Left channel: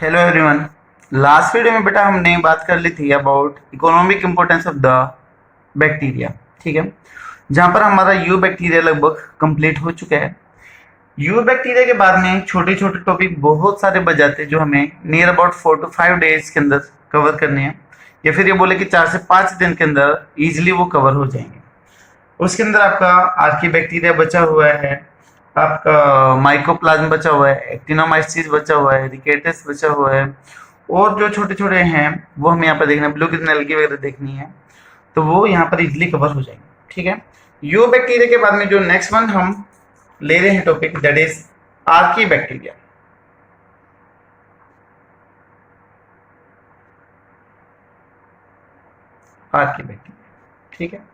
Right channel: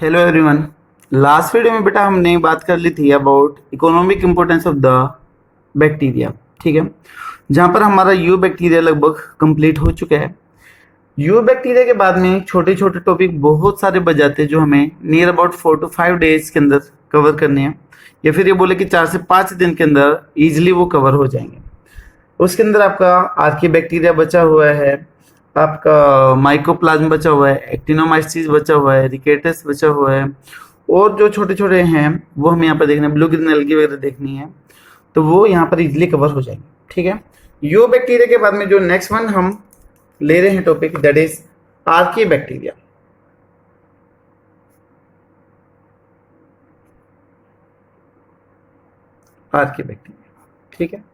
Hello everyone. Last video में बेटा हमने बात कर ली थी about economic importance of the bacteria. ठीक है, जहां पर हमारा यू बैक्टीरिया लगभग कंप्लीट हो चुका है। यू बैक्टीरिया के बाद में छोटे छोटे टॉपिक बहुत सारे बच जाते हैं जो हमें नियर अबाउट 4 to 5 डेज के अंदर कवर करने हैं, या फिर ये बोले कि 4 से 5 दिन के अंदर इजिली वो कवर हो जाएंगे। उसके अंदर आपका आर्की बैक्टीरिया बचा हुआ है, आपका माइकोप्लाज्म बचा हुआ है, एक्टिनोमाइसीस बचा हुआ है, रिकेटस बचा हुआ है, और जो छोटे छोटे हैं वो हमें यहाँ पर देखना है, ब्लू ग्रीन एल्गी वगैरह देखनी है, तो वो यहाँ पर इजिली कवर हो जाएंगे। ठीक है, यो बैक्टीरिया के बाद में जो नेक्स्ट वन हम ले रहे हैं topic, that is Archie bacteria. Archie bacteria, ठीक है,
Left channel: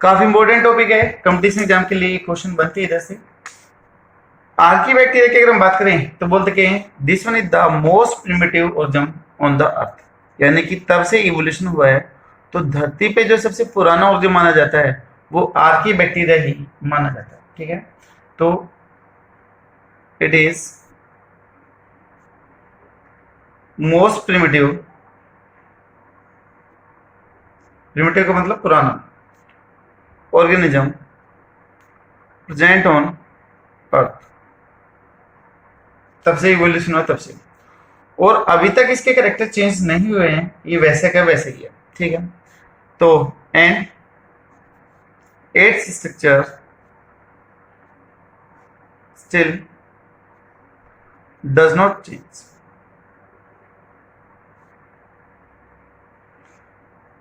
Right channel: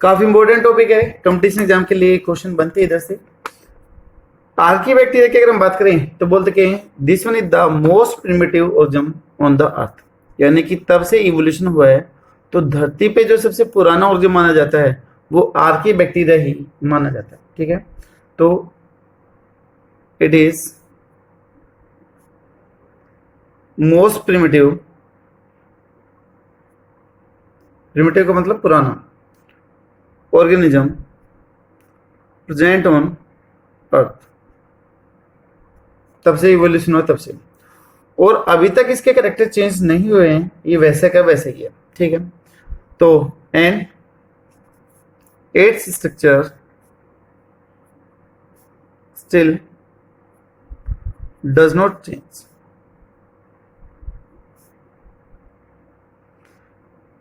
काफी इंपॉर्टेंट टॉपिक है, कंपटीशन एग्जाम के लिए क्वेश्चन बनते हैं इधर से। आर्की बैक्टीरिया की अगर हम बात करें तो बोलते कि this one is the most primitive organ on the earth, यानी कि तब से इवोल्यूशन हुआ है तो धरती पे जो सबसे पुराना ऑर्गन माना जाता है वो आर्की बैक्टीरिया ही माना जाता है। ठीक है, तो it is most primitive, primitive का मतलब पुराना, ऑर्गेनिज्म प्रेजेंट ऑन अर्थ, तब से इवोल्यूशन हुआ तब से, और अभी तक इसके कैरेक्टर चेंज नहीं हुए हैं, ये वैसे का वैसे ही है। ठीक है, तो and its structure still does not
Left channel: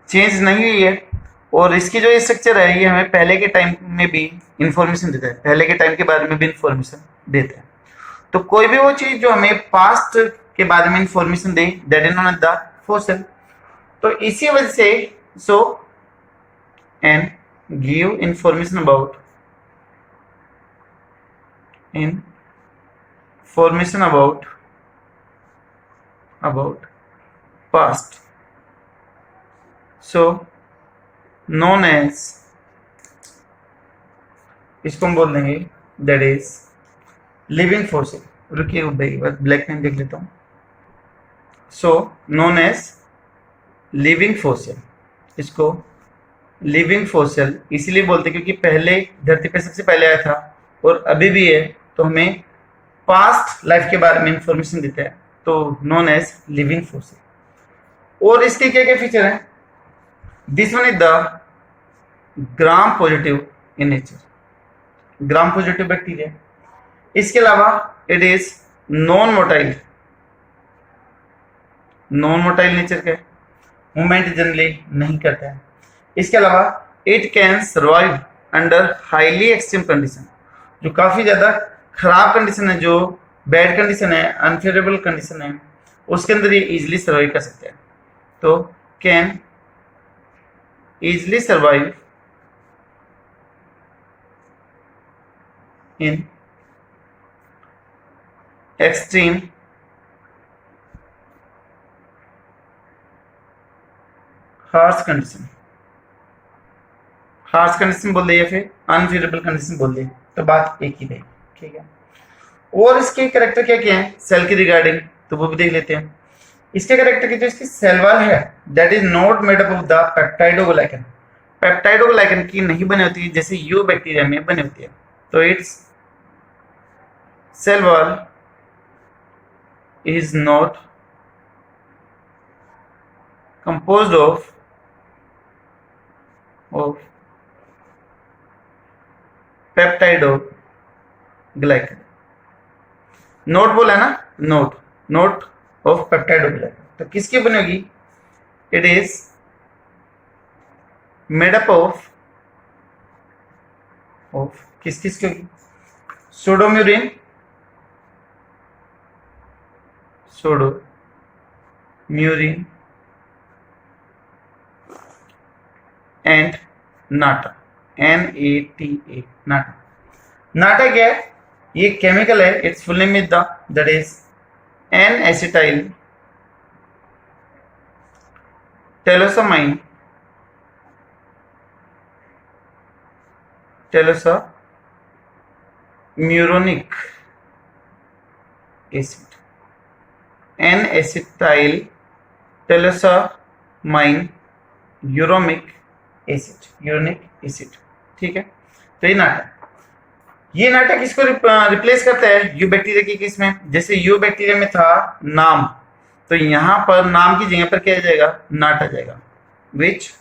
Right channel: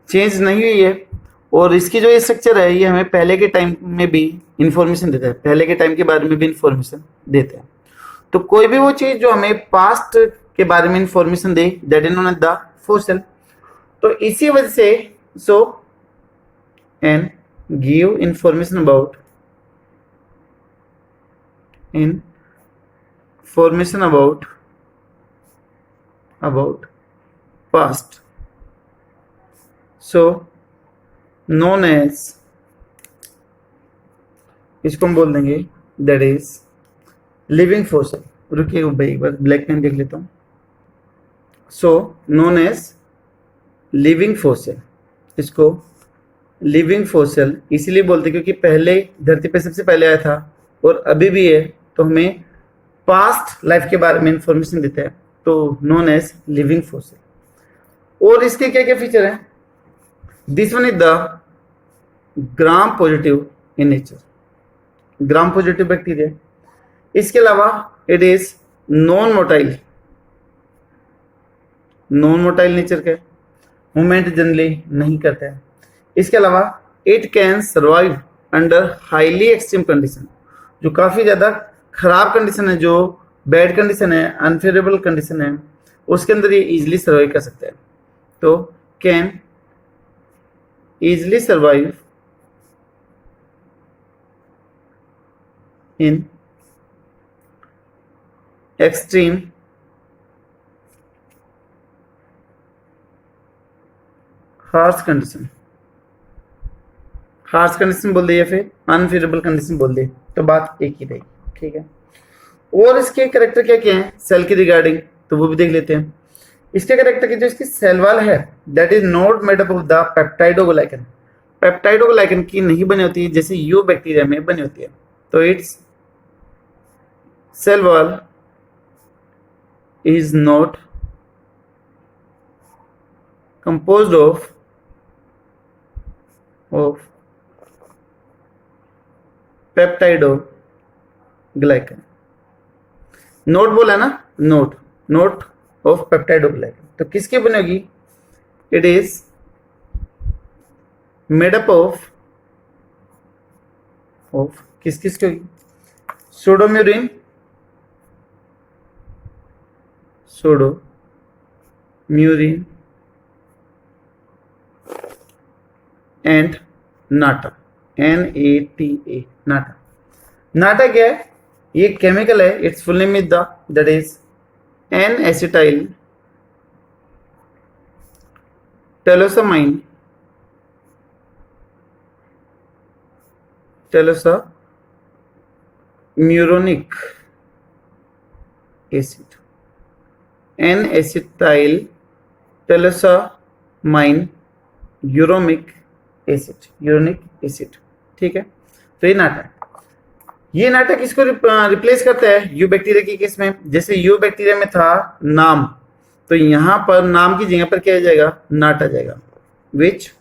change नहीं हुई है, और इसकी जो स्ट्रक्चर है ये हमें पहले के टाइम में भी इंफॉर्मेशन देता है, पहले के टाइम के बारे में भी इंफॉर्मेशन देता है। तो कोई भी वो चीज जो हमें पास्ट के बारे में इंफॉर्मेशन दे, that is known as the fossil. तो इसी वजह से so and give information about past, so known as, इसको हम बोल देंगे दैट इज लिविंग फॉसिल। रुकिए भाई, एक बार ब्लैक पेन देख लेता हूँ। So known as living fossil, इसको लिविंग फॉसिल इसलिए बोलते क्योंकि पहले धरती पे सबसे पहले आया था और अभी भी है, तो हमें पास्ट लाइफ के बारे में इंफॉर्मेशन देता है, तो नोन एज लिविंग फॉसिल। और इसके क्या क्या फीचर हैं? This one is the gram positive in nature, gram positive bacteria. इसके अलावा it is non motile, non motile nature का, मूवमेंट जनरली नहीं करता है। इसके अलावा it can survive under highly extreme condition, जो काफी ज्यादा खराब कंडीशन है, जो बैड कंडीशन है, अनफेवरेबल कंडीशन है, उसके अंदर ये इजिली सर्वाइव कर सकता है। तो can easily survive in extreme harsh condition, harsh condition बोल दे या फिर अनफेवरेबल कंडीशन बोल दे, तो बात एक ही रहेगी। ठीक है, और इसके कैरेक्टर क्या क्या है सेल के रिगार्डिंग, तो वो भी देख लेते हैं। इसके कैरेक्टर की जो इसकी सेल वॉल है that is not made up of the peptidoglycan, peptidoglycan की नहीं बनी होती जैसे यू बैक्टीरिया में बनी होती है। तो its cell wall is not composed of peptidoglycan. Not बोला ना, नोट ऑफ पेप्टाइडोग्लाइकन, तो किसकी बनेगी? It is made up of किस किस की? सोडोम्यूरिन, सोडोम्यूरिन एंड नाटा, NATA, नाटा। नाटा क्या है? ये केमिकल है, its full name is the that is N acetyl talosamine, talosaminuronic acid. N acetyl talosamine uronic acid. ठीक है, तो ये नाटक इसको रिप्लेस करता है यू बैक्टीरिया की केस में। जैसे यू बैक्टीरिया में था नाम, तो यहां पर नाम की जगह पर क्या आ जाएगा, नाट आ जाएगा, विच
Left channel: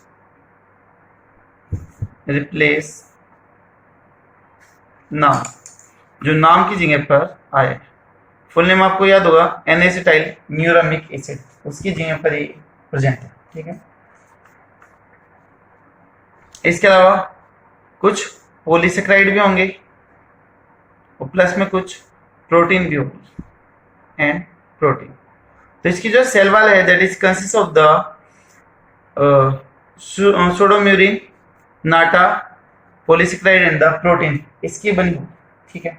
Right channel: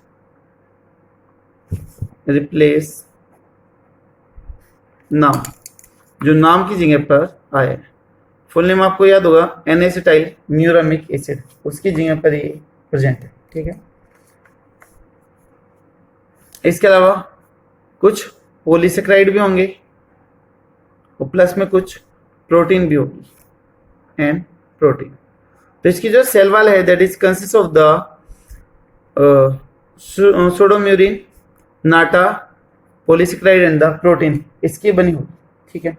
रिप्लेस नाम, जो नाम की जगह पर आया। फुल नेम आपको याद होगा, एन एसिटाइल न्यूरामिक एसिड, उसकी जगह पर ये प्रेजेंट है। ठीक है, इसके अलावा कुछ पॉलीसेक्राइड भी होंगे और प्लस में कुछ प्रोटीन भी होगी, एंड प्रोटीन। तो इसकी जो सेल वॉल है that is consist of the pseudomurein, नाटा, पॉलीसेक्राइड एंड द प्रोटीन, इसकी बनी होगी। ठीक है,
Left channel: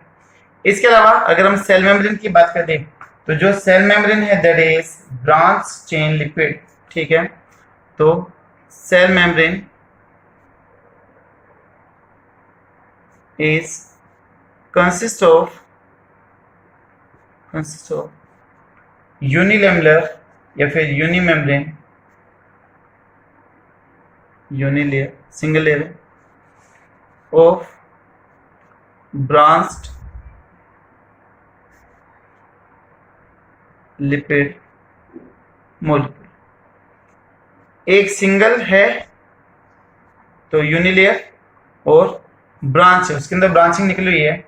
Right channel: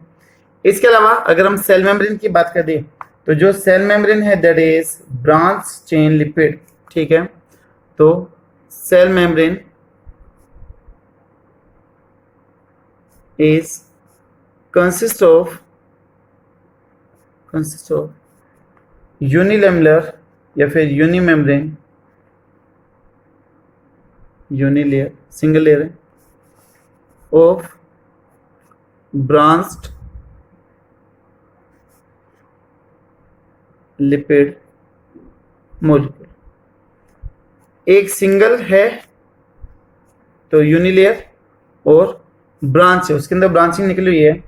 इसके अलावा अगर हम सेल मेम्ब्रेन की बात करें तो जो सेल मेम्ब्रेन है that is branch chain lipid. ठीक है, तो cell membrane is consists of unilamellar या फिर unimembrane, unilayer single layer of branched lipid molecule. एक सिंगल है तो यूनिलेयर, और ब्रांच है, उसके अंदर ब्रांचिंग निकली हुई है।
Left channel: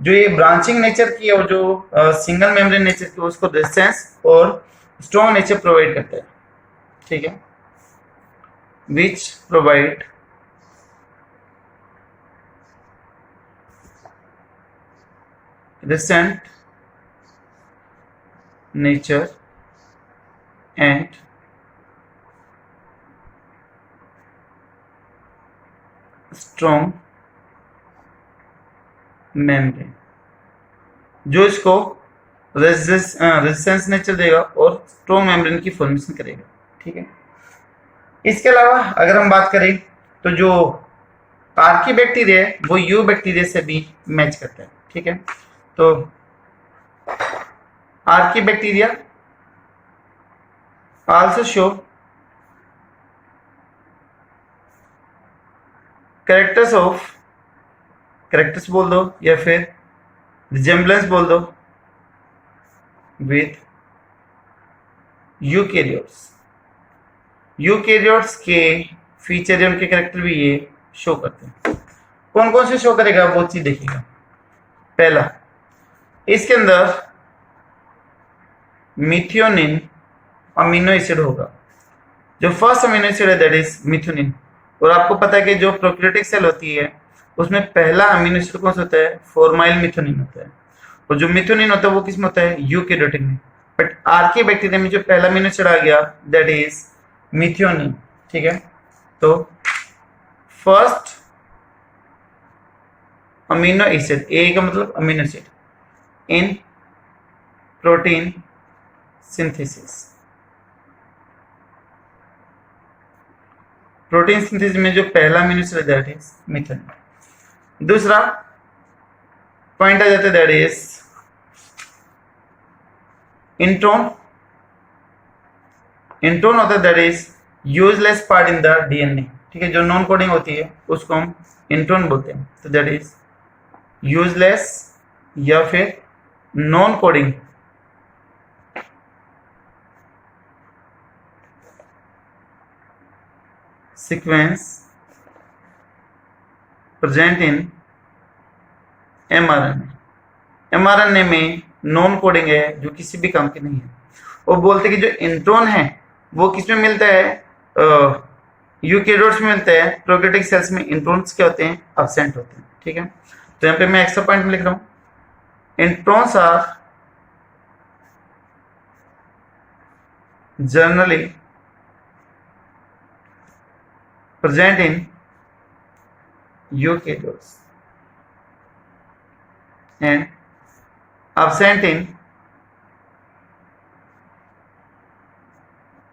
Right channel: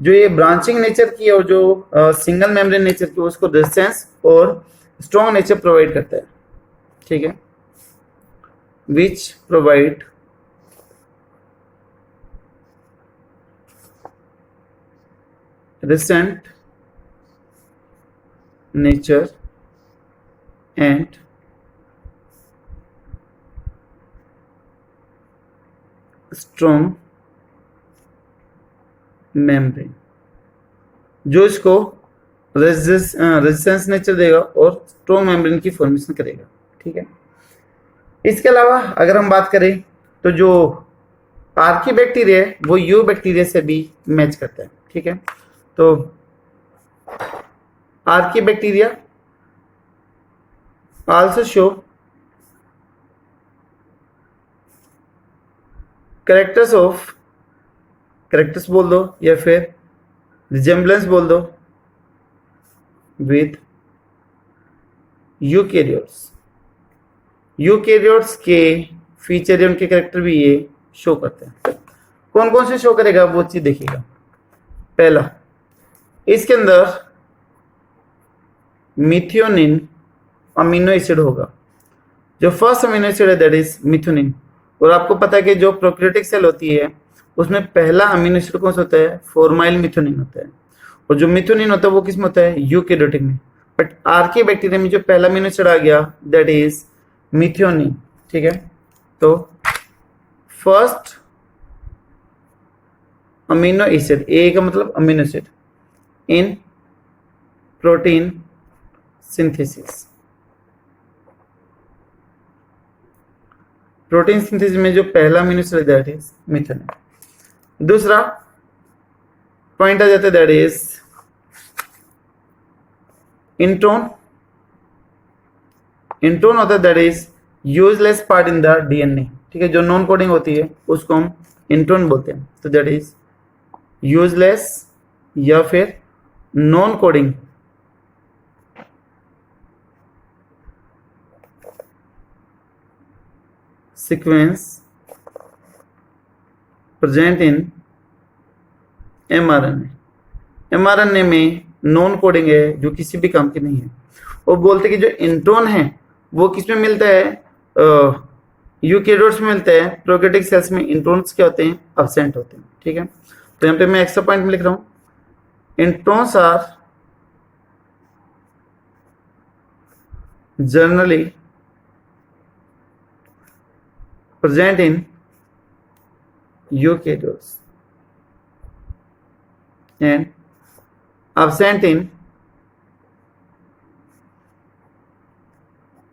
जो ये ब्रांचिंग नेचर की और जो सिंगल मेम्ब्रेन नेचर की, उसको रेजिस्टेंस और स्ट्रॉन्ग नेचर प्रोवाइड करता है। ठीक है, which provide resistant nature and strong membrane, जो इसको रेजिस्टेंस नेचर देगा और स्ट्रॉन्ग मेम्ब्रेन की फॉर्मेशन करेगा। ठीक है, इसके अलावा अगर हम बात करें तो जो आर्की बैक्टीरिया है वो यू बैक्टीरिया से भी मैच करता है। ठीक है, तो Archie bacteria also show characters बोल दो या फिर रिजेम्बलेंस बोल दो विथ यूकैरियोट्स के फीचर या उनके कैरेक्टर भी ये शो करते हैं। कौन कौन से शो करेगा वो चीज देखिएगा। पहला, इसके अंदर मिथियोनिन अमीनो एसिड होगा। जो फर्स्ट अमीनो एसिड है दैट इज मिथ्योनिन, और आपको पता है कि जो प्रोकैरियोटिक सेल होती है उसमें पहला अमीनो एसिड कौन सा होता है, फॉर्माइल मिथ्योनिन होता है, और जो मिथ्योनिन होता है वो किसमें होता है, यूकैरियोटिक में। बट आर्की बैक्टीरिया में जो पहला अमीनो एसिड आ गया दैट इज मिथ्योनिन। ठीक है, तो फर्स्ट अमीनो एसिड, ए का मतलब amino acid in protein synthesis. Protein synthesis में जो पहला अमीनो एसिड है दैट इज मिथ्योनिन। दूसरा पॉइंट आ जाता है दैट इज इंट्रोन। इंट्रोन होता है that is useless part in the DNA. ठीक है, जो नॉन कोडिंग होती है उसको हम इंट्रोन बोलते हैं। तो दैट इज यूजलेस या फिर non coding sequence present in mRNA. MRNA में नॉन कोडिंग है जो किसी भी काम की नहीं है। वो बोलते कि जो इंट्रोन है वो किसमें मिलता है, यूकैरियोट्स में मिलता है। प्रोकैरियोटिक सेल्स में इंट्रोन्स क्या होते हैं, अब्सेंट होते हैं। ठीक है, तो यहाँ पे मैं एक्स्ट्रा पॉइंट में लिख रहा हूं, introns are generally present in eukaryotes and absent in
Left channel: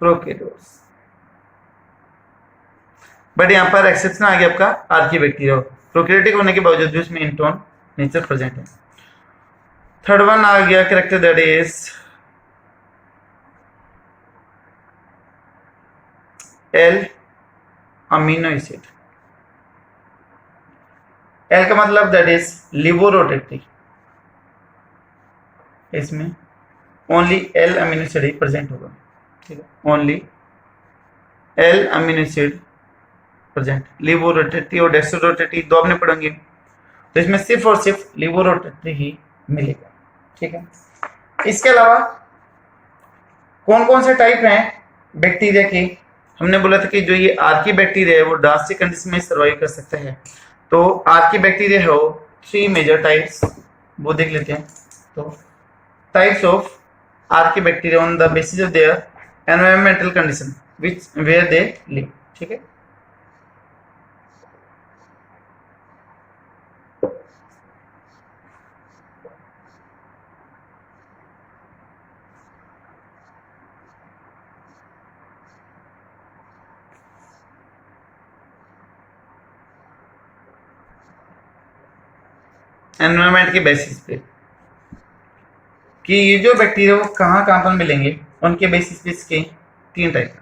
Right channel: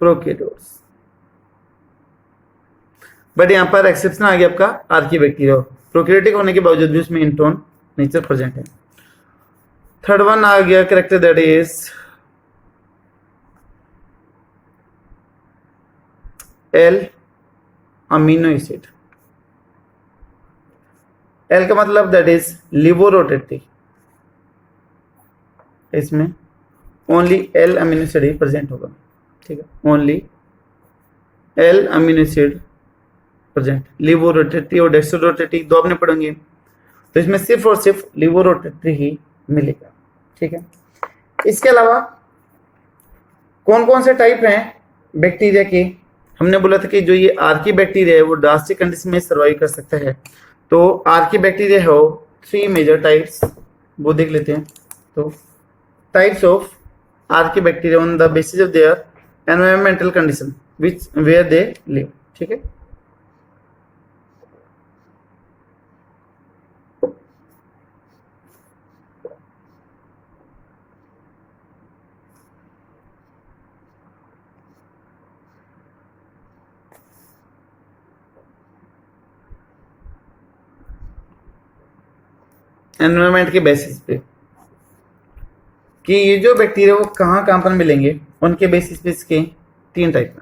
prokaryotes। But यहां पर एक्सेप्शन आ गया आपका आर्की बैक्टीरिया, प्रोकैरियोटिक होने के बावजूद भी उसमें इंट्रोन नेचर प्रेजेंट है। थर्ड वन आ गया character that is L amino acid. L का मतलब दैट इज लिवोरोटेटरी, इसमें ओनली एल अमीनो एसिड ही प्रेजेंट होगा, ठीक है, only L amino acid present. Levorotatory और डेक्सोरोटेटरी दो आपने पढ़ेंगे, तो इसमें सिर्फ और सिर्फ लिवोरोटेटरी ही मिलेगा, ठीक है। इसके अलावा कौन कौन से टाइप हैं बैक्टीरिया के? हमने बोला था कि जो ये आर्की बैक्टीरिया है वो ड्रास्टिक कंडीशन में सर्वाइव कर सकता है। तो आर्की बैक्टीरिया है वो 3 मेजर टाइप्स, वो देख लेते हैं। तो types of archaebacteria on the basis of their environmental condition which where they live, ठीक है। एनवायरमेंट के बेसिस पे कि ये जो बैक्टीरिया वो कहाँ कहाँ पर मिलेंगे, उनके बेसिस पे इसके 3 टाइप हैं।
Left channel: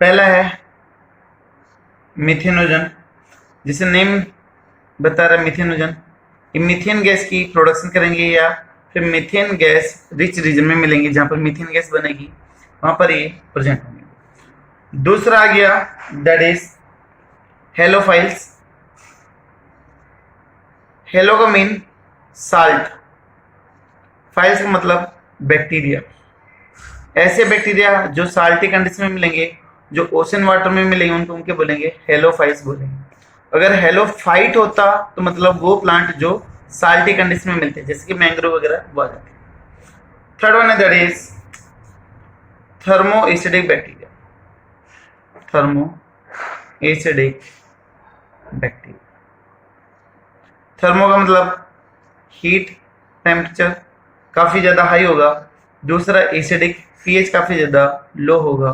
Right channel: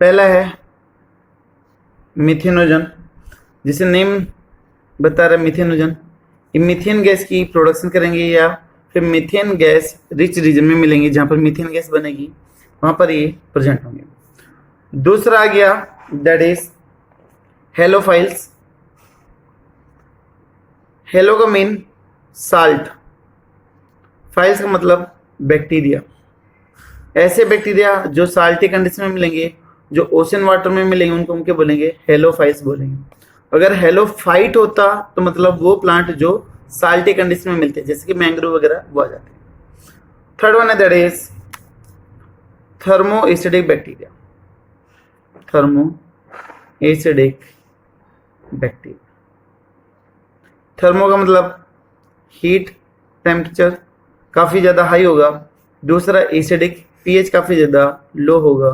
पहला है मिथेनोजन, जिसे नेम बता रहा है मिथेनोजन। ये मीथेन गैस की प्रोडक्शन करेंगे या फिर मीथेन गैस रिच रीजन में मिलेंगे, जहाँ पर मीथेन गैस बनेगी वहाँ पर ये प्रेजेंट होंगे। दूसरा आ गया दैट इज हेलोफाइल्स। हेलो का मीन साल्ट, फाइल्स का मतलब बैक्टीरिया। ऐसे बैक्टीरिया जो साल्टी कंडीशन में मिलेंगे, जो ओशन वाटर में मिलेंगे, उनको उनके बोलेंगे हेलोफाइट्स बोलेंगे। अगर हेलोफाइट होता तो मतलब वो प्लांट जो साल्टी कंडीशन में मिलते हैं, जैसे कि मैंग्रोव वगैरह, वो आ जाते हैं। थर्ड वन है that is thermo acidic bacteria. Thermo acidic bacteria, thermo का मतलब हीट, टेम्परेचर काफी ज्यादा हाई होगा। दूसरा एसिडिक, पीएच काफी ज्यादा लो होगा।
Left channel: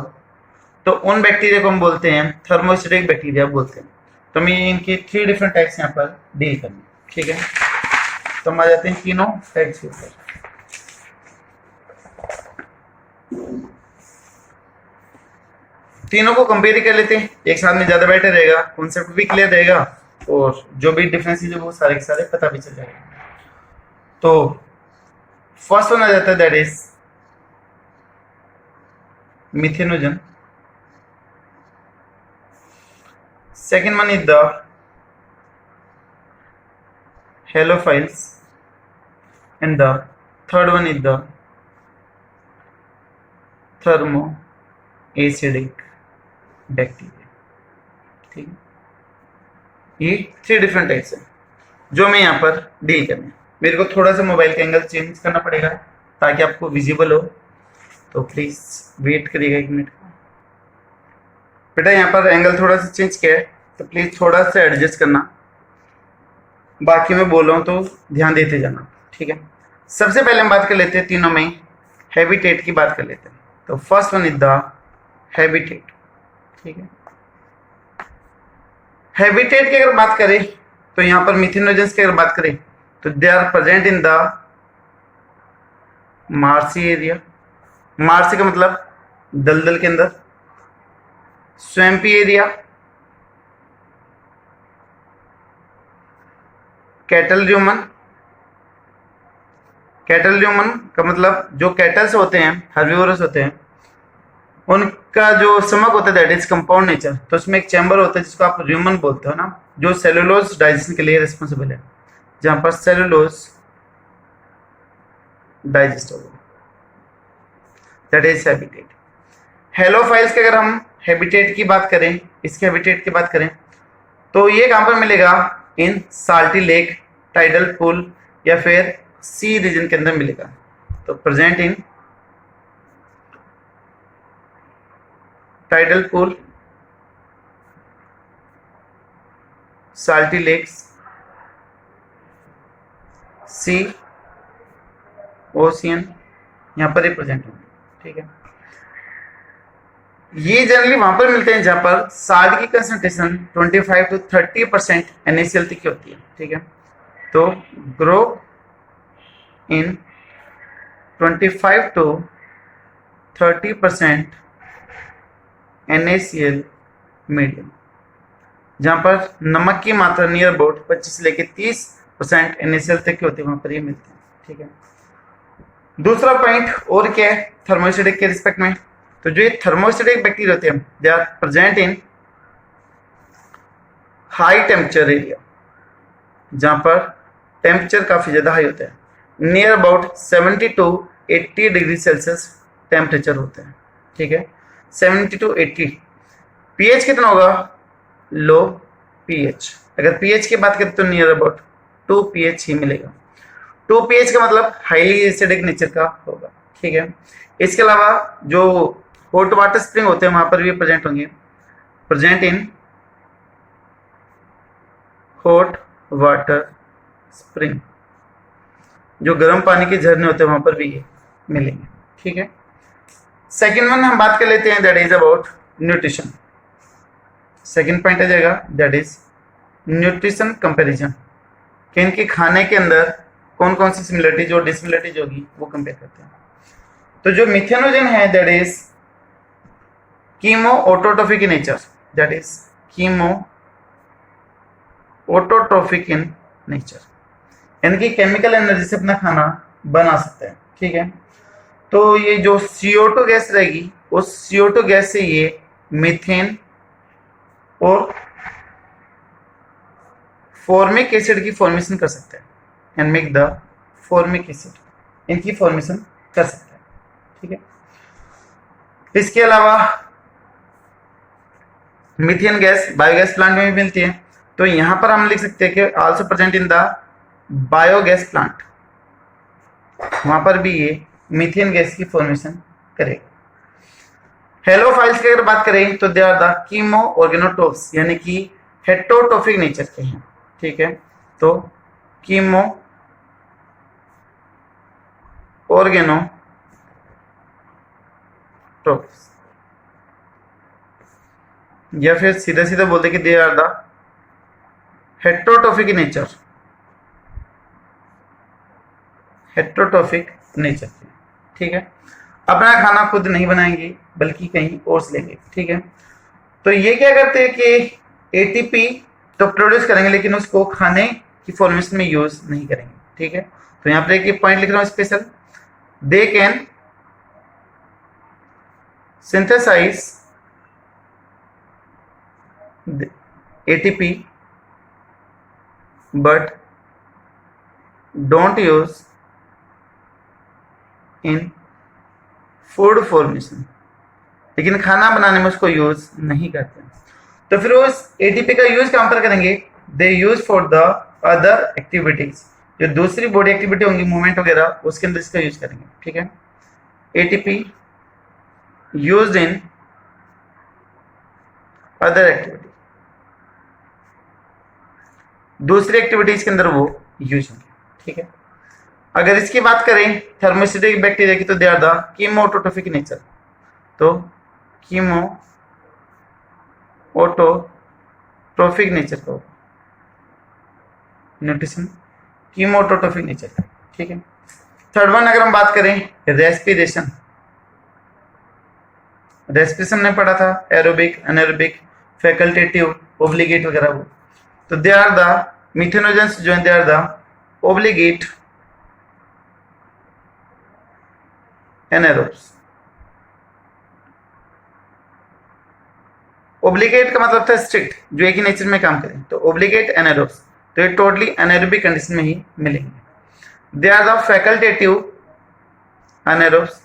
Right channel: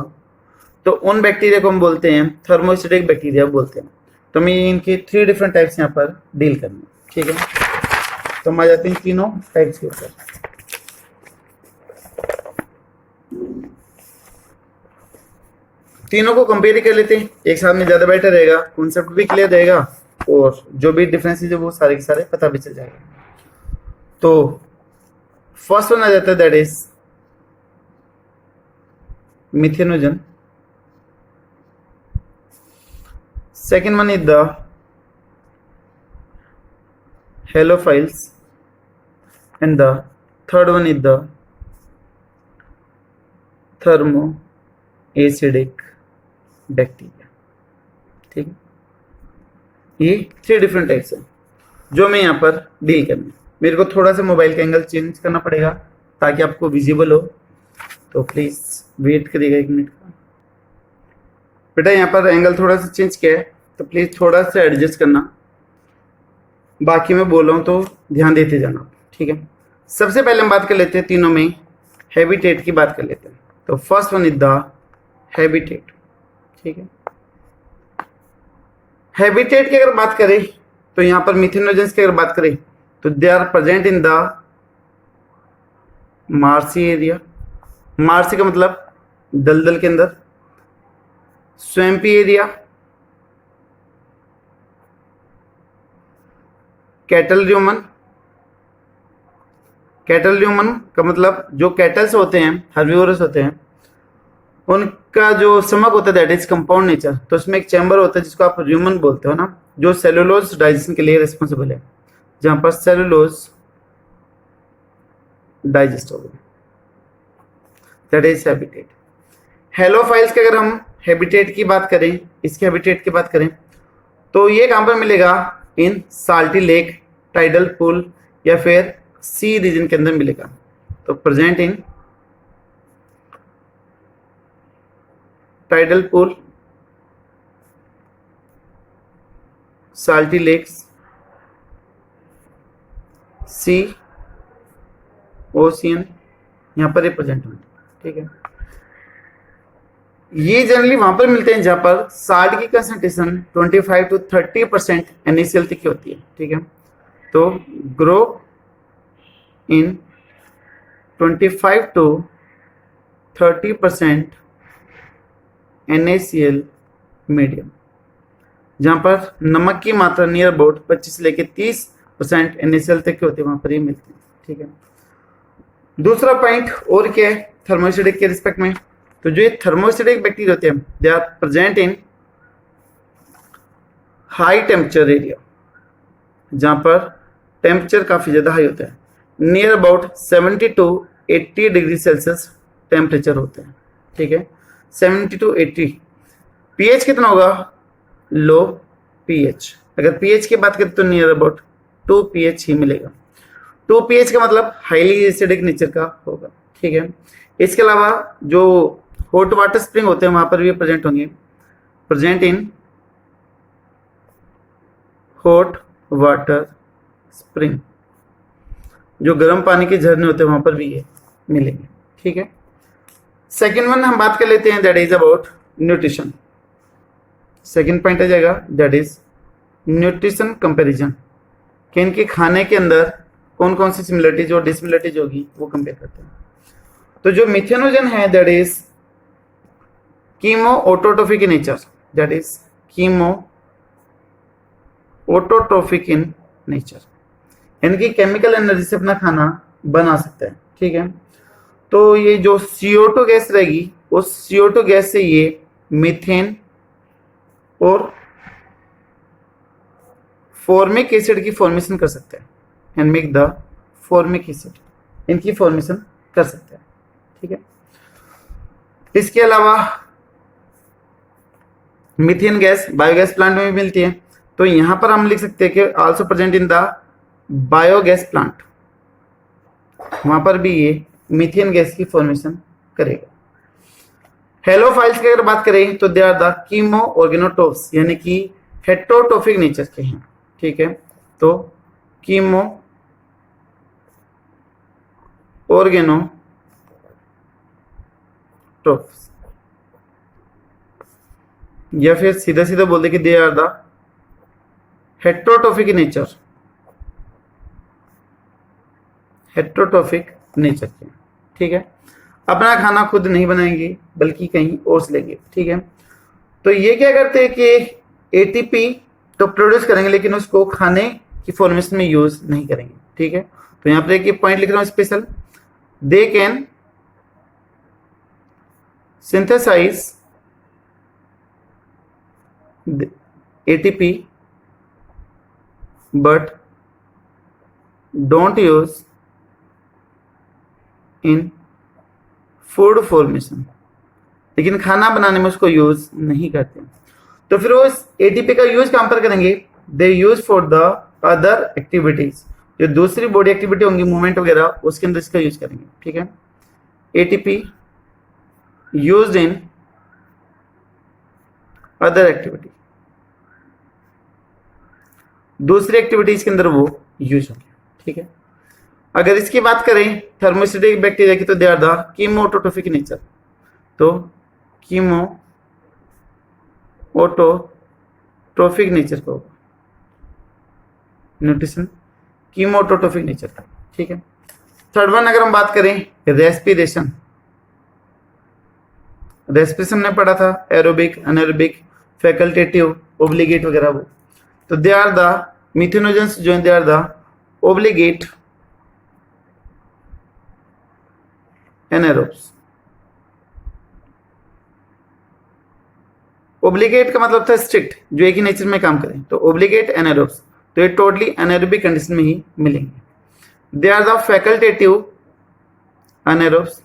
तो उन बैक्टीरिया को हम बोलते हैं थर्मोएसिडिक बैक्टीरिया बोलते हैं। तो हमें इनके 3 डिफरेंट टाइप्स यहाँ पर डील करने, ठीक है। तो हम आ जाते हैं तीनों टाइप्स के ऊपर। तीनों को कंपेयर कर लेते हैं, एक साथ में ज्यादा बेटर रहेगा, कॉन्सेप्ट भी क्लियर रहेगा और जो भी डिफरेंसेस है वो सारे के सारे पता भी चल जाएगा। तो फर्स्ट वन आ जाता है that is methanogen. Second one is the halophiles and the third one is the thermo acidic bacteria, ठीक है। ये 3 डिफरेंट टाइप्स हैं जो मैं यहाँ पर डील करने। मेरे को थोड़ा सा मोबाइल का एंगल चेंज करना पड़ेगा ताकि आपको विजिबल हो, तो प्लीज वेट करिएगा 1 मिनट। बेटा यहाँ पर एंगल थोड़ा सा चेंज किया है, तो प्लीज थोड़ा सा एडजस्ट करना। बाकी मैं बोल रहा हूँ तो ध्यान देते जाना, ठीक है। सबसे पहले हम बात कर लेते हैं तीनों में हैबिटेट की बात कर लेते हैं। तो first one is the habitat, ठीक है। हैबिटेट की अगर बात करें तो यहाँ पर मिथेनोजेंस की अगर बात करें तो they are present in the marshy area. Marshy का मतलब दलदल के अंदर। Swampy area, cattle rumen. Cattle rumen का मतलब जो कैटल्स होते हैं, हर्बिवोरस होते हैं, उनका जो स्टमक होता है दैट इज कंपाउंड नेचर। तो उसमें एक चैम्बर होता है जिसको आप र्यूमन बोलते हो ना, जो सेलुलोज डाइजेशन के लिए रिस्पॉन्सिबल है, जहां पर सेलुलोज डाइजेस्ट होगा, दैट इज हैबिटेट। हेलोफाइल्स के अगर हम हैबिटेट की बात करें, इसके हैबिटेट की बात करें तो ये कहां पर मिलेगा? In salty lake, tidal pool या फिर सी रीजन के अंदर मिलेगा। तो present in tidal pool, salty lakes, sea, ocean, यहां पर रिप्रेजेंट है, ठीक है। ये जनरली वहां पर मिलते हैं जहां पर साल्ट की कंसंट्रेशन 25 to 30% NaCl तक की होती है, ठीक है। तो grow in 25 to 30% NaCl medium, जहां पर नमक की मात्रा नियर अबाउट 25 से लेके 30% NaCl तक के होते हैं, वहां पर ये मिलते हैं। ठीक है, दूसरा पॉइंट और क्या है थर्मोस्टेटिक के रिस्पेक्ट में, तो जो ये थर्मोस्टेटिक बैक्टीरिया होते हैं they are present in high temperature area, जहां पर टेम्परेचर काफी ज्यादा हाई होता है, near about 70 to 80 degree Celsius temperature होता है। ठीक है, 70 टू 80। पीएच कितना होगा? लो पीएच। अगर पीएच की बात करें तो नियर अबाउट 2 पीएच ही मिलेगा। 2 पीएच का मतलब हाईली एसिडिक नेचर का होगा। ठीक है, इसके अलावा जो हॉट वाटर स्प्रिंग होते हैं वहां पर भी प्रेजेंट होंगे, present in hot water spring, जो गर्म पानी के झरने होते हैं वहां पर भी ये मिलेंगे। ठीक है, सेकेंड वन हम बात कर लेते हैं, that is about nutrition. Second point आ जाएगा दैट इज न्यूट्रिशन कंपैरिजन, कि इनके खाने के अंदर कौन कौन सी सिमिलरिटीज और डिसिमिलरिटीज होगी वो कंपेयर करते हैं। तो जो मिथेनोजन है that is chemo autotrophic in nature, that is chemo autotrophic in nature, इनकी केमिकल एनर्जी से अपना खाना बना सकता है। ठीक है, तो ये जो CO2 गैस रहेगी उस CO2 गैस से ये मीथेन और फॉर्मिक एसिड की फॉर्मेशन कर सकता है, and make the formic acid, इनकी फॉर्मेशन कर सकता है। ठीक है, इसके अलावा मीथेन गैस बायोगैस प्लांट में भी मिलती है, तो यहां पर हम लिख सकते हैं कि also present in the biogas plant, वहां पर भी ये मीथेन गैस की फॉर्मेशन करेगा। हेलोफाइल्स की अगर बात करें तो दे आर द कीमो ऑर्गेनोट्रोप्स, यानी कि हेटेरोट्रोफिक नेचर के हैं। ठीक है, तो कीमो ऑर्गेनोट्रोप्स, या फिर सीधा सीधा बोलते कि they are the heterotrophic nature, heterotrophic nature के। ठीक है, अपना खाना खुद नहीं बनाएंगे बल्कि कहीं और से लेंगे। ठीक है, तो ये क्या करते हैं कि एटीपी तो प्रोड्यूस करेंगे लेकिन उसको खाने की फॉर्मेशन में यूज नहीं करेंगे। ठीक है, तो यहां पर एक पॉइंट लिख रहा हूं special, they can synthesize ATP but don't use in food formation, लेकिन खाना बनाने में उसको यूज नहीं करते। तो फिर उस एटीपी का यूज कहां पर करेंगे? They use for the other activities, जो दूसरी बॉडी एक्टिविटी होंगी मूवमेंट वगैरह उसके अंदर इसका यूज करेंगे। ठीक है, ATP used in other activity, दूसरी एक्टिविटीज के अंदर वो यूज होंगे। ठीक है, अगर इसकी बात करें थर्मोस्टेटिक बैक्टीरिया की तो they are the chemoautotrophic nature, तो कीमो ऑटोट्रोफिक नेचर का न्यूट्रिशन कीमो ऑटोट्रोफिक नेचर का। ठीक है, थर्ड वन अगर हम बात करें रेस्पिरेशन, रेस्पिरेशन ने पढ़ा था एरोबिक, अनएरोबिक, फैकल्टेटिव, ओब्लिगेट वगैरह वो, तो दे आर द मिथेनोजेंस जो है they are the obligate anaerobes. Obligate का मतलब था स्ट्रिक्ट, जो एक ही नेचर में काम करें, तो ओब्लिगेट एनारोब्स, तो ये टोटली एनारोबिक कंडीशन में ही मिलेंगे। They are the facultative anaerobes,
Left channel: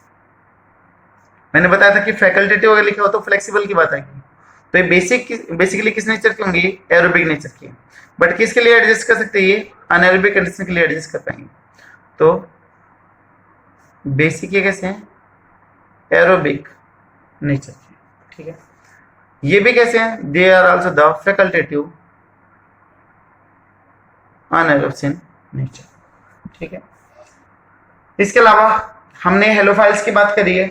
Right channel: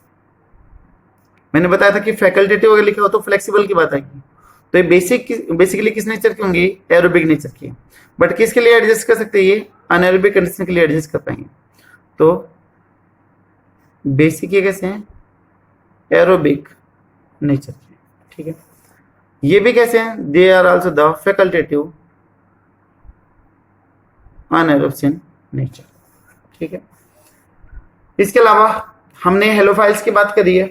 मैंने बताया था कि फैकल्टेटिव अगर लिखा हो तो फ्लेक्सिबल की बात आएगी, तो ये बेसिकली किस नेचर की होंगी? एरोबिक नेचर की, बट किसके लिए एडजस्ट कर सकते हैं? ये अनएरोबिक कंडीशन के लिए एडजस्ट कर पाएंगे। तो बेसिक ये कैसे हैं? एरोबिक नेचर के। ठीक है, ये भी कैसे हैं? They are also the facultative anaerobes in nature. ठीक है, इसके अलावा हमने हेलोफाइल्स की बात करी है,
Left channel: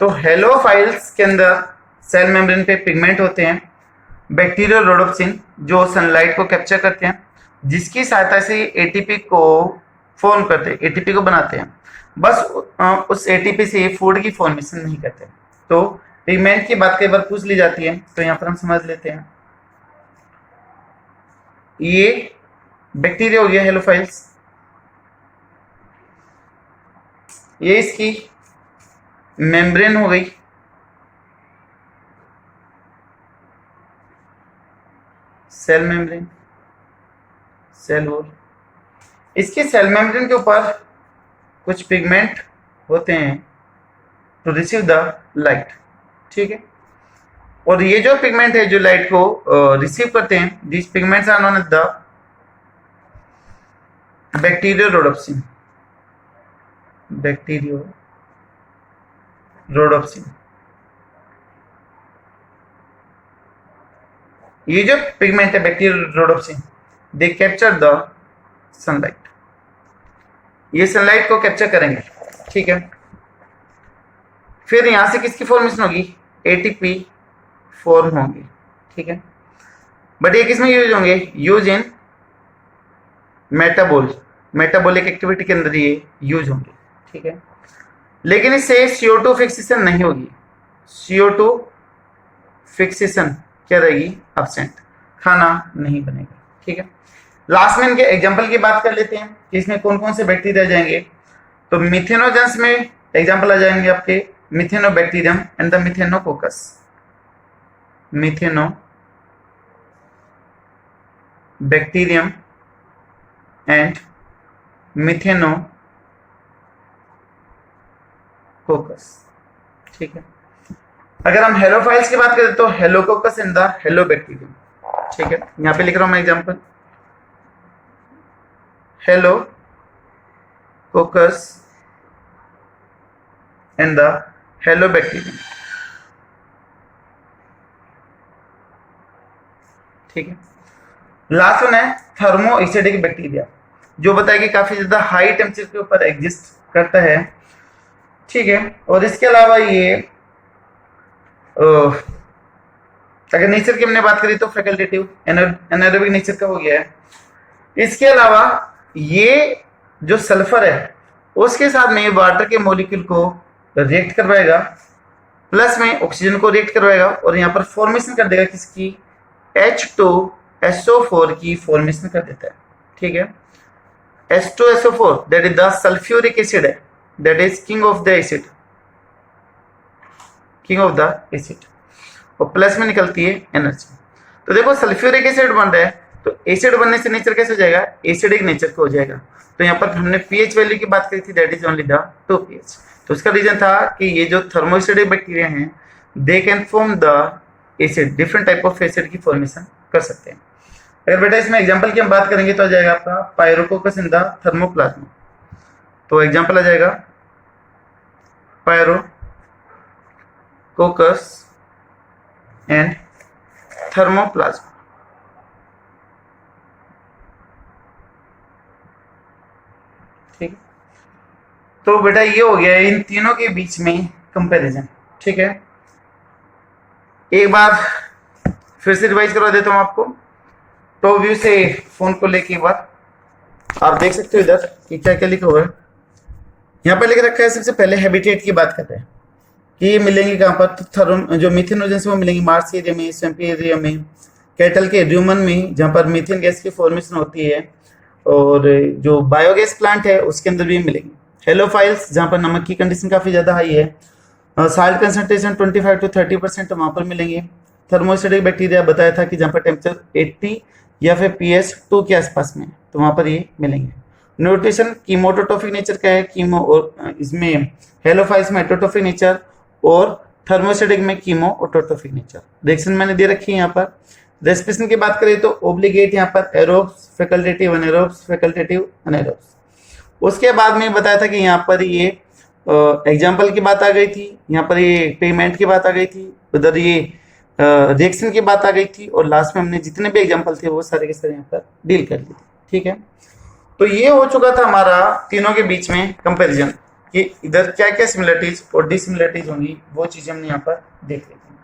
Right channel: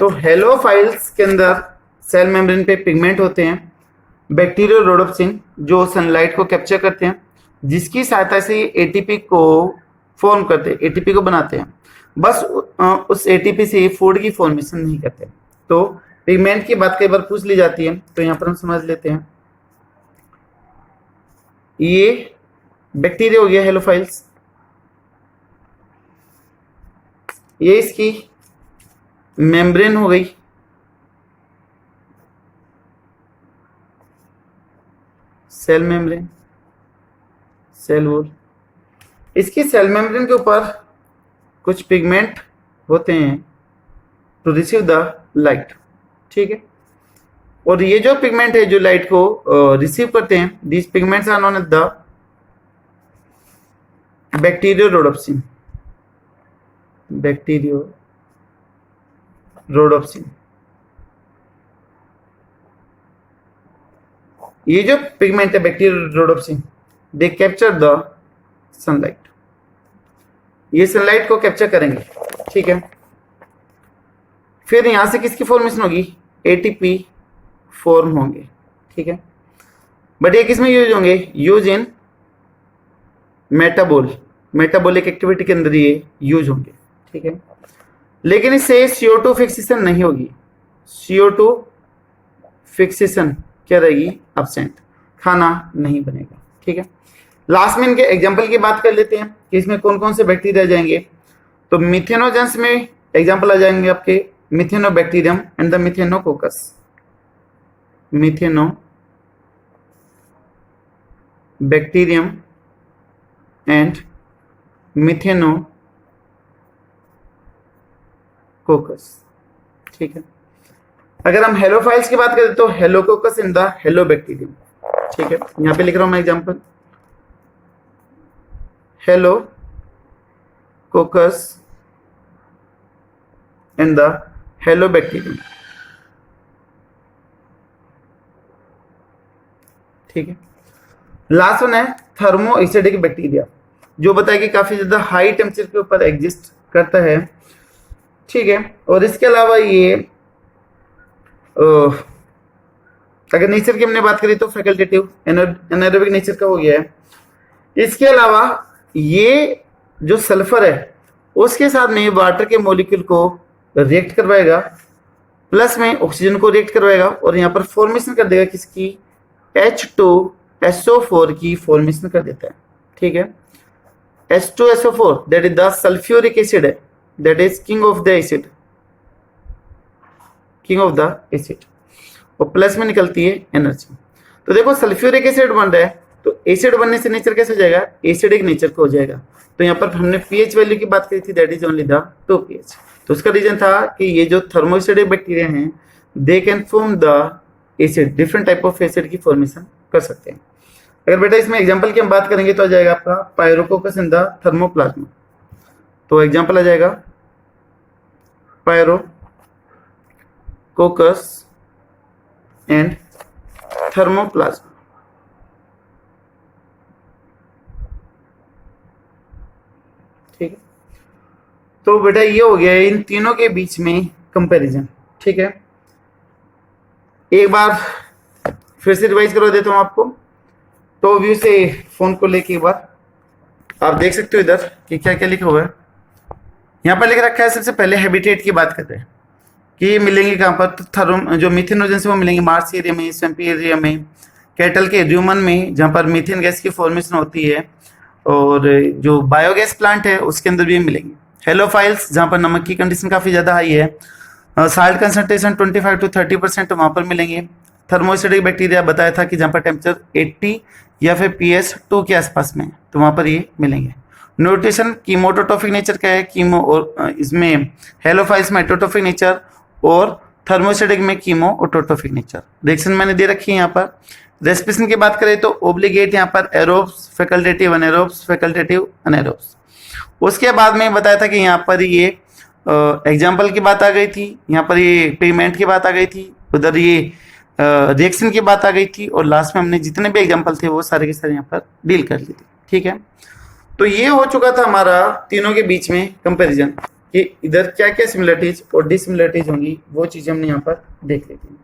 तो हेलोफाइल्स के अंदर सेल मेम्ब्रेन पे पिगमेंट होते हैं बैक्टीरियल रोडोप्सिन, जो सनलाइट को कैप्चर करते हैं, जिसकी सहायता से एटीपी को फॉर्म करते हैं, एटीपी को बनाते हैं। बस उस एटीपी से फूड की फॉर्मेशन नहीं करते। तो पिगमेंट की बात कई बार पूछ ली जाती है, तो यहां पर हम समझ लेते हैं। ये बैक्टीरिया हो गया हेलोफाइल्स, ये इसकी मेम्ब्रेन हो गई, सेल मेम्ब्रेन, सेल वॉल। इसकी सेल मेम्ब्रेन के ऊपर कुछ पिगमेंट होते हैं टू रिसीव द लाइट, ठीक है। और ये जो पिगमेंट है जो लाइट को रिसीव करते हैं, these pigments are known as the bacteriorhodopsin, bacteriorhodopsin. ये जो पिगमेंट है bacteriorhodopsin, they capture the sunlight, ये सनलाइट को कैप्चर करेंगे, ठीक है। फिर यहां से किसकी फॉर्मेशन होगी, एटीपी फॉर्म होंगे, ठीक है। बट ये किसमें यूज होंगे, यूज इन मेटाबॉलिक एक्टिविटी के अंदर ये यूज होंगे, ठीक है। लेकिन इससे CO2 फिक्सेशन नहीं होगी, CO2 फिक्सेशन क्या रहेगी, एब्सेंट, खाना नहीं बनेगा, ठीक है। लास्ट में इनके एग्जाम्पल की बात कर लेते हैं कि इसमें कौन कौन से बैक्टीरिया जाएंगे। तो मिथेनोजेंस में एग्जाम्पल आ जाएंगे आपके methanobacterium and the methanococcus, methanobacterium and methanococcus, ठीक है। अगर हम हेलोफाइल्स की बात करें तो हेलोकोकस इन द हेलोबैक्टीरियम, ठीक है। यहां पे लिख रहा हूं मैं एग्जाम्पल, हेलोकोकस इन द हेलोबैक्टीरियम, ठीक है। लास्ट वन है थर्मो एसिडिक बैक्टीरिया, जो बताया कि काफी ज्यादा हाई टेम्परेचर के ऊपर एग्जिस्ट करता है, ठीक है। और इसके अलावा ये अगर नेचर की हमने बात करी तो फैकल्टेटिव एनारोबिक नेचर का हो गया है। इसके अलावा ये जो सल्फर है उसके साथ में वाटर के मॉलिक्यूल को रिएक्ट करवाएगा, प्लस में ऑक्सीजन को रिएक्ट करवाएगा और यहाँ पर फॉर्मेशन कर देगा किसकी, H2SO4 की फॉर्मेशन कर देता है, ठीक है। H2SO4 that is the sulphuric acid है, that is king of the acid, और प्लस में निकलती है एनर्जी। तो देखो सल्फ्यूरिक एसिड बन रहा है, तो एसिड बनने से नेचर कैसे हो जाएगा, एसिडिक नेचर का हो जाएगा। तो यहाँ पर हमने pH वैल्यू की बात करी थी, that is only the 2 pH। तो उसका रीजन था कि ये जो थर्मोएसिडिक बैक्टीरिया हैं they can form the acid, different type of acid की फॉर्मेशन कर सकते हैं। अगर बेटा इसमें एग्जांपल की हम बात करेंगे तो आ जाएगा आपका पायरोकोकस इन द थर्मोप्लाज्मा। तो एग्जांपल आ जाएगा पायरोकोकस एंड थर्मोप्लाज्मा, ठीक है। तो बेटा ये हो गया इन तीनों के बीच में कंपैरिजन, ठीक है। एक बार फिर से रिवाइज करवा देता हूं आपको, टॉप व्यू से फोन को लेके एक बार आप देख सकते हो इधर कि क्या क्या लिखा हुआ है। यहाँ पर लिख रखा है सबसे पहले हैबिटेट की बात करते हैं कि ये मिलेंगे कहाँ पर, तो जो मीथेनोजेंस वो मिलेंगे मार्स एरिया में, स्वैम्पी एरिया में, कैटल के र्यूमन में जहाँ पर मीथेन गैस की फॉर्मेशन होती है, और जो बायोगैस प्लांट है उसके अंदर भी मिलेंगे। हेलोफाइल्स जहाँ पर नमक की कंडीशन काफी ज्यादा हाई है, साल्ट कंसंट्रेशन 25 to 30% वहां पर मिलेंगे। थर्मोएसिडिक बैक्टीरिया बताया था कि जहाँ पर टेम्परेचर 80 या फिर pH 2 के आसपास में, तो वहां पर ये मिलेंगे। न्यूट्रिशन कीमोटोट्रोफिक नेचर का है, कीमो और इसमें हेलोफाइल्स में एटोट्रोफिक नेचर और थर्मोएसिडिक में कीमो ऑटोट्रोफिक नेचर। रिएक्शन मैंने दे रखी है यहाँ पर। रेस्पिरेशन की बात करें तो ओब्लिगेट यहाँ पर एरोब्स, फैकल्टेटिव अनेरोब्स, फैकल्टेटिव अनेरोब्स। उसके बाद में बताया था कि यहाँ पर ये एग्जाम्पल की बात आ गई थी, यहाँ पर ये पेमेंट की बात आ गई थी, उधर ये रिएक्शन की बात आ गई थी, और लास्ट में हमने जितने भी एग्जाम्पल थे वो सारे के सारे यहाँ पर डील कर ली थी, ठीक है। तो ये हो चुका था हमारा तीनों के बीच में कंपैरिजन कि इधर क्या क्या सिमिलरिटीज और डिसिमिलरिटीज होंगी, वो चीजें हमने यहाँ पर देख ली थी।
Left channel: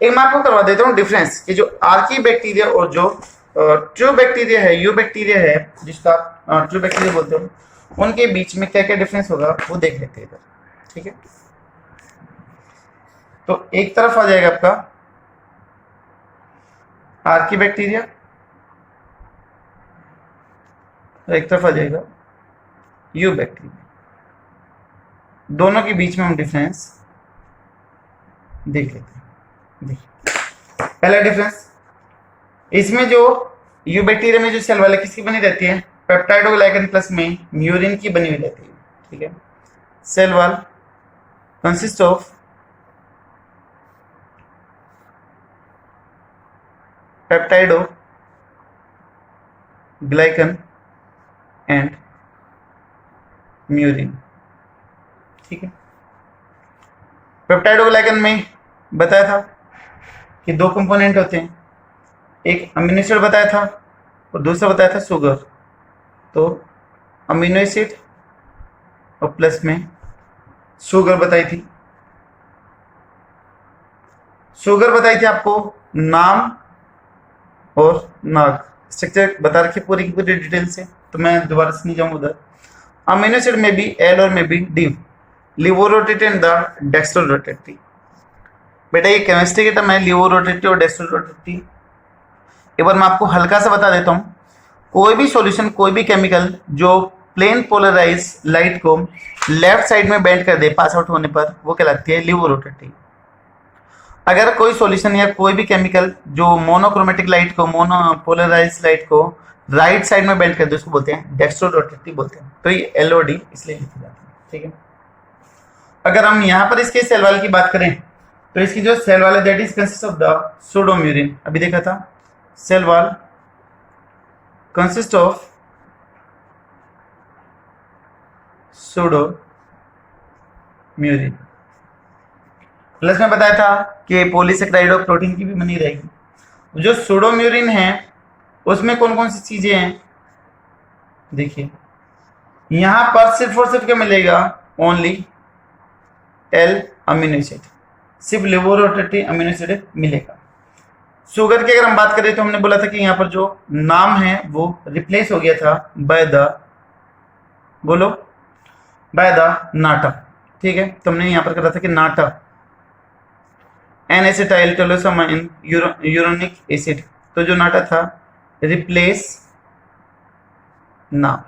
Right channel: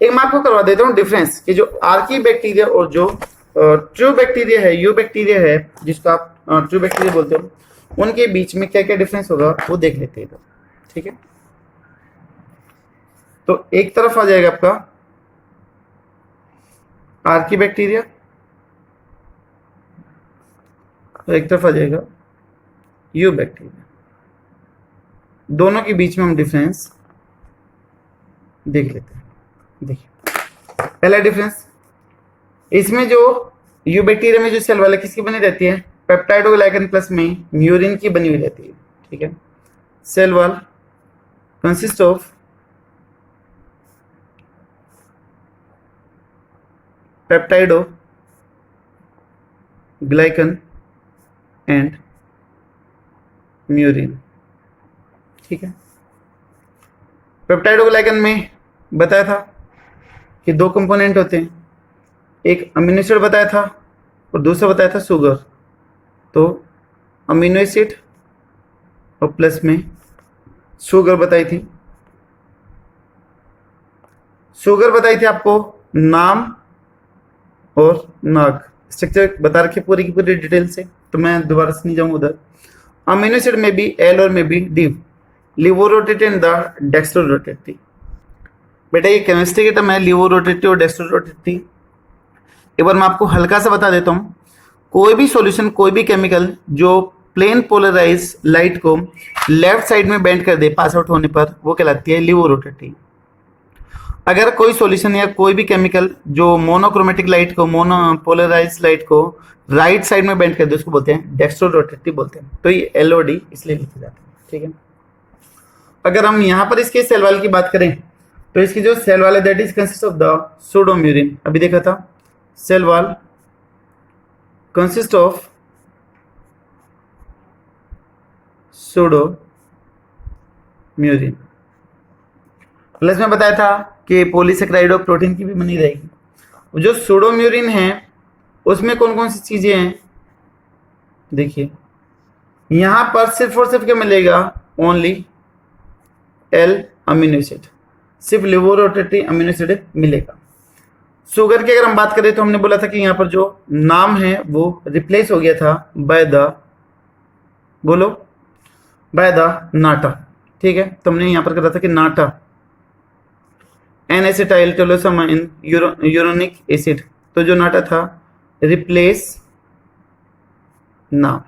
एक मैं आपको करवा देता हूँ डिफरेंस कि जो आर्की बैक्टीरिया और जो ट्रू बैक्टीरिया है, यू बैक्टीरिया है जिसको आप ट्रू बैक्टीरिया बोलते हो, उनके बीच में क्या क्या डिफरेंस होगा वो देख लेते हैं इधर, ठीक है। तो एक तरफ आ जाएगा आपका आर्की बैक्टीरिया, तो एक तरफ आ जाएगा यू बैक्टीरिया। दोनों के बीच में हम डिफरेंस देख लेते हैं। देखिए पहला डिफरेंस, इसमें जो यू बैक्टीरिया में जो सेल वाल किसकी बनी रहती है, पेप्टाइडोग्लाइकन प्लस में म्यूरिन की बनी हुई रहती है। ठीक है, cell wall consist of peptidoglycan and murein. ठीक है, पेप्टाइडोग्लाइकन में बताया था कि दो कंपोनेंट होते हैं, एक अमीनो एसिड बताया था और दूसरा बताया था शुगर। तो अमीनो एसिड और प्लस में शुगर बताई थी। शुगर बताई थी आपको नाम और नाग, स्ट्रक्चर बता रखी पूरी की पूरी डिटेल से, तो मैं दोबारा से नहीं जाऊंगा उधर। अमीनो एसिड में भी एल और में भी डी, लिवोरोटेटिव एंड द डेक्स्ट्रोरोटेटिव। बेटा ये केमिस्ट्री के टर्म है, लिवोरोटेटिव और डेक्स्ट्रोरोटेटिव। एक बार मैं आपको हल्का सा बता देता हूँ, कोई भी सॉल्यूशन, कोई भी केमिकल जो प्लेन पोलराइज लाइट को लेफ्ट साइड में बेंड कर दे पास आउट होने पर, वो कहलाती है लिवोरोटेटिव। अगर कोई सॉल्यूशन या कोई भी केमिकल जो मोनोक्रोमेटिक लाइट को, मोनोपोलराइज लाइट को राइट साइड में बेंड कर दे, उसको बोलते हैं डेक्स्ट्रोरोटेटिव बोलते हैं। तो ये एलओडी इसलिए लिखी जाती है। ठीक है, अगर हम यहाँ पर इसके सेल वाल की बात करें तो इसकी जो सेल वाल है that is consist of the pseudomurein. अभी देखा था, cell wall consist of सूडोम्यूरिन। Plus में बताया था कि पॉलीसेकेराइड और प्रोटीन की भी बनी रहेगी। जो सूडोम्यूरिन है उसमें कौन कौन सी चीजें हैं, देखिए यहां पर सिर्फ और सिर्फ क्या मिलेगा, ओनली एल अमीनो एसिड, सिर्फ लिवोरोटेटिव अमीनो एसिड मिलेगा। शुगर की अगर हम बात करें तो हमने बोला था कि यहाँ पर जो नाम है वो रिप्लेस हो गया था बाय द, बोलो, बाय द नाटा। ठीक है, तो हमने यहाँ पर कहा था कि नाटा एन एसिटाइल टेलोसामाइन यूरोनिक एसिड, तो जो नाटा था रिप्लेस नाम,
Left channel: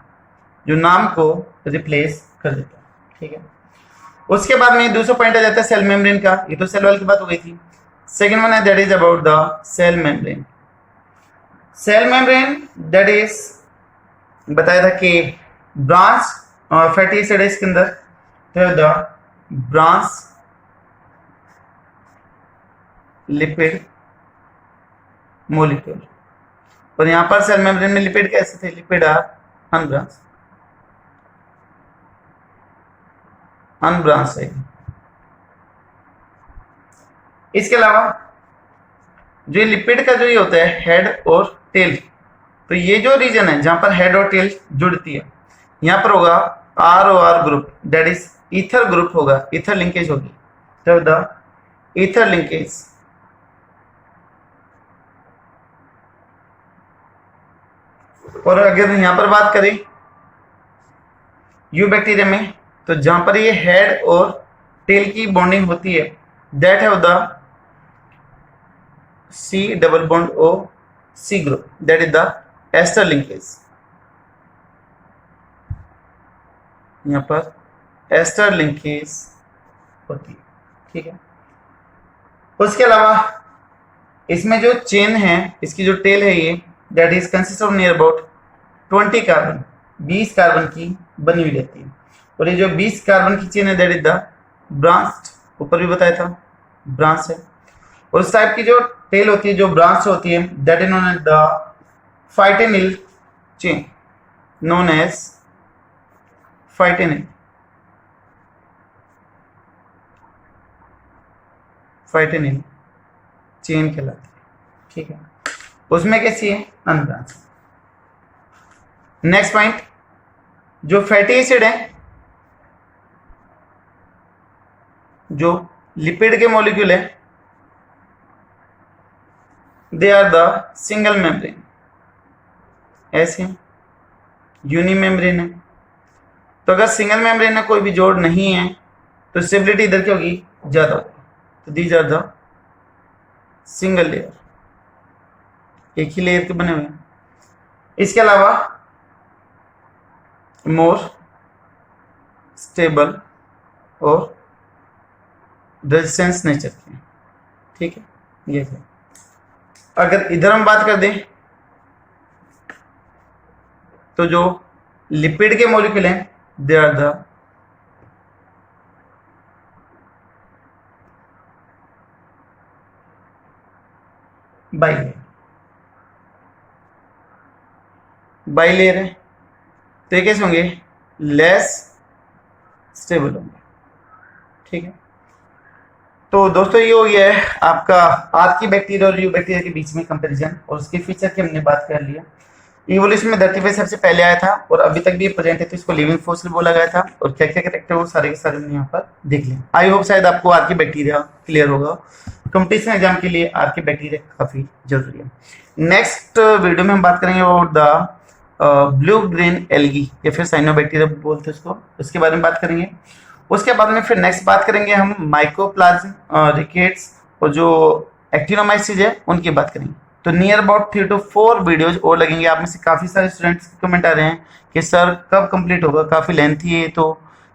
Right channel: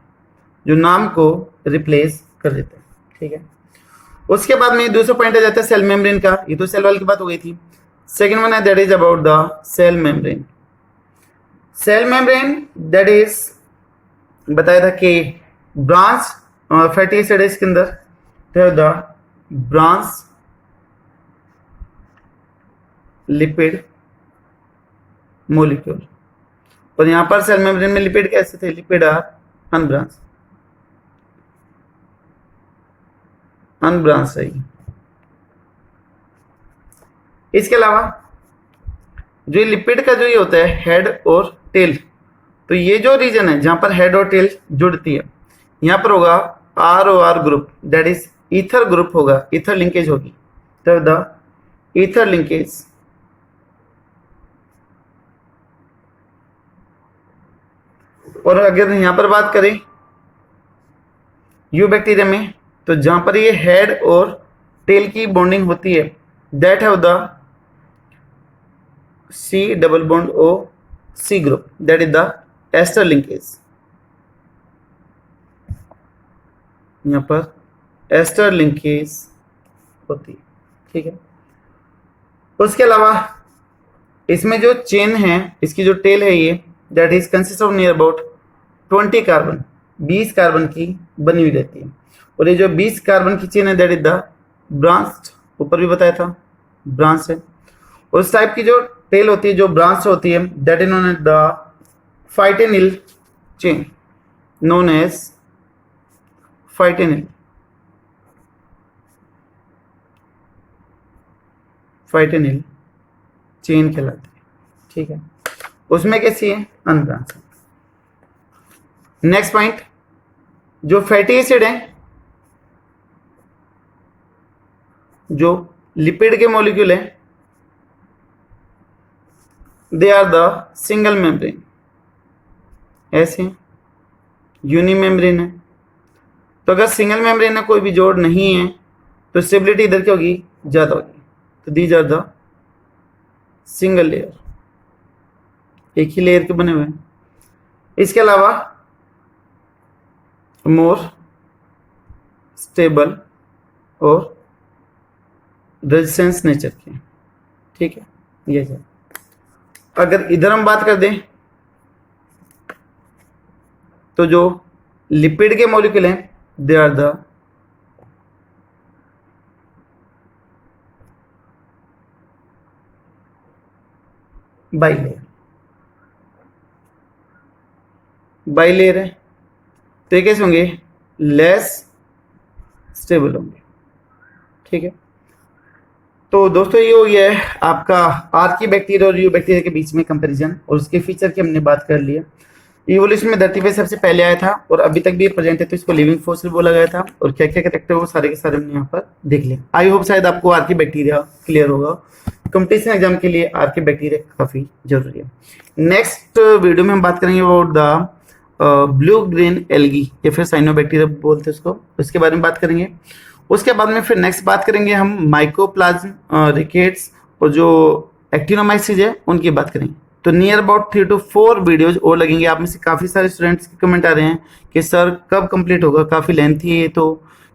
जो नाम को रिप्लेस कर देता है। ठीक है, उसके बाद में दूसरा पॉइंट आ जाता है सेल मेम्ब्रेन का। ये तो सेल वाल की बात हो गई थी। सेकेंड वन है that is about the cell membrane. Cell membrane that is बताया था कि ब्रांच फैटी एसिड है इसके अंदर, तो द ब्रांच लिपिड मोलिक्यूल। और यहां पर सेल मेम्ब्रेन में लिपिड कैसे थे, लिपिड आर अनब्रांच है। इसके अलावा जो लिपिड का जो ये होता है हेड और टेल, तो ये जो रीजन है जहां पर हेड और टेल जुड़ती है, यहां पर होगा R O R group, that is ether group होगा, ईथर लिंकेज होगी, तो द ईथर लिंकेज। और अगर यहां पर बात करें यू बैक्टीरिया में, तो जहां पर ये हेड और टेल की बॉन्डिंग होती है that have the C double bond O C group, that is the ester linkage. यहां पर एस्टर लिंकेज होती है। ठीक है, उसके अलावा इसमें जो चेन है, इसकी जो टेल है ये that is consist of near about 20 carbon, 20 carbon की बनी हुई रहती है। और ये जो 20 कार्बन की चेन है दैट इज द ब्रांच, ऊपर भी बताया था ब्रांच है। उस टाइप की जो टेल होती है, जो ब्रांच होती है, that is known as the phytanyl chain, known as phytanyl chain कहलाती है। ठीक है, उसमें कैसी है, अनब्रांच। नेक्स्ट पॉइंट, जो फैटी एसिड है, जो लिपिड के मॉलिक्यूल है, they are the single membrane, ऐसे यूनि मेम्ब्रेन है। तो अगर सिंगल मेम्ब्रेन है, कोई भी जोड़ नहीं है, तो स्टेबिलिटी इधर की होगी, ज्यादा होगी। तो these are the single layer, एक ही लेयर के बने हुए हैं। इसके अलावा मोर स्टेबल और रेजिस्टेंस नेचर के, ठीक है। ये है। अगर इधर हम बात कर दें तो जो लिपिड के मॉलिक्यूल हैं they are the bilayer, bilayer है तो ये कैसे होंगे, लेस स्टेबल होंगे, ठीक है। तो दोस्तों ये हो गया है आपका आर्की बैक्टीरिया और यू बैक्टीरिया के बीच में कंपैरिजन, और उसके फीचर की हमने बात कर लिया। इवोल्यूशन में धरती पे सबसे पहले आया था और अभी तक भी प्रेजेंट है, तो इसको लिविंग फॉसिल बोला गया था, और क्या क्या कैरेक्टर वो सारे के सारे हमने यहाँ पर देख लिया। आई होप शायद आपको आर्की बैक्टीरिया क्लियर होगा। कंपटीशन एग्जाम के लिए आर्की बैक्टीरिया काफी जरूरी है। नेक्स्ट वीडियो में हम बात करेंगे about the blue green algae या फिर साइनोबैक्टीरिया बोलते हैं उसको, उसके बारे में बात करेंगे। उसके बाद में फिर नेक्स्ट बात करेंगे हम माइकोप्लाज्म, रिकेट्स और जो एक्टिनोमाइसिस है उनकी बात करेंगे। तो नियर अबाउट 3 to 4 वीडियोज और लगेंगे। आप में से काफी सारे स्टूडेंट्स के कमेंट आ रहे हैं कि सर कब कंप्लीट होगा, काफी लेंथी है तो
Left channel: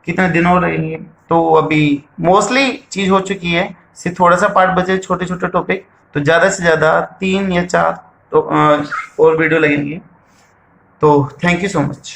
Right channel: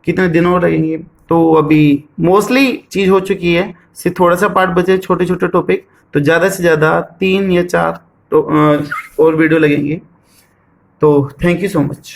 कितने दिन और लगेंगे। तो अभी मोस्टली चीज हो चुकी है, सिर्फ थोड़ा सा पार्ट बचे छोटे छोटे टॉपिक, तो ज्यादा से ज्यादा 3 या 4 और वीडियो लगेंगे। तो थैंक यू सो मच।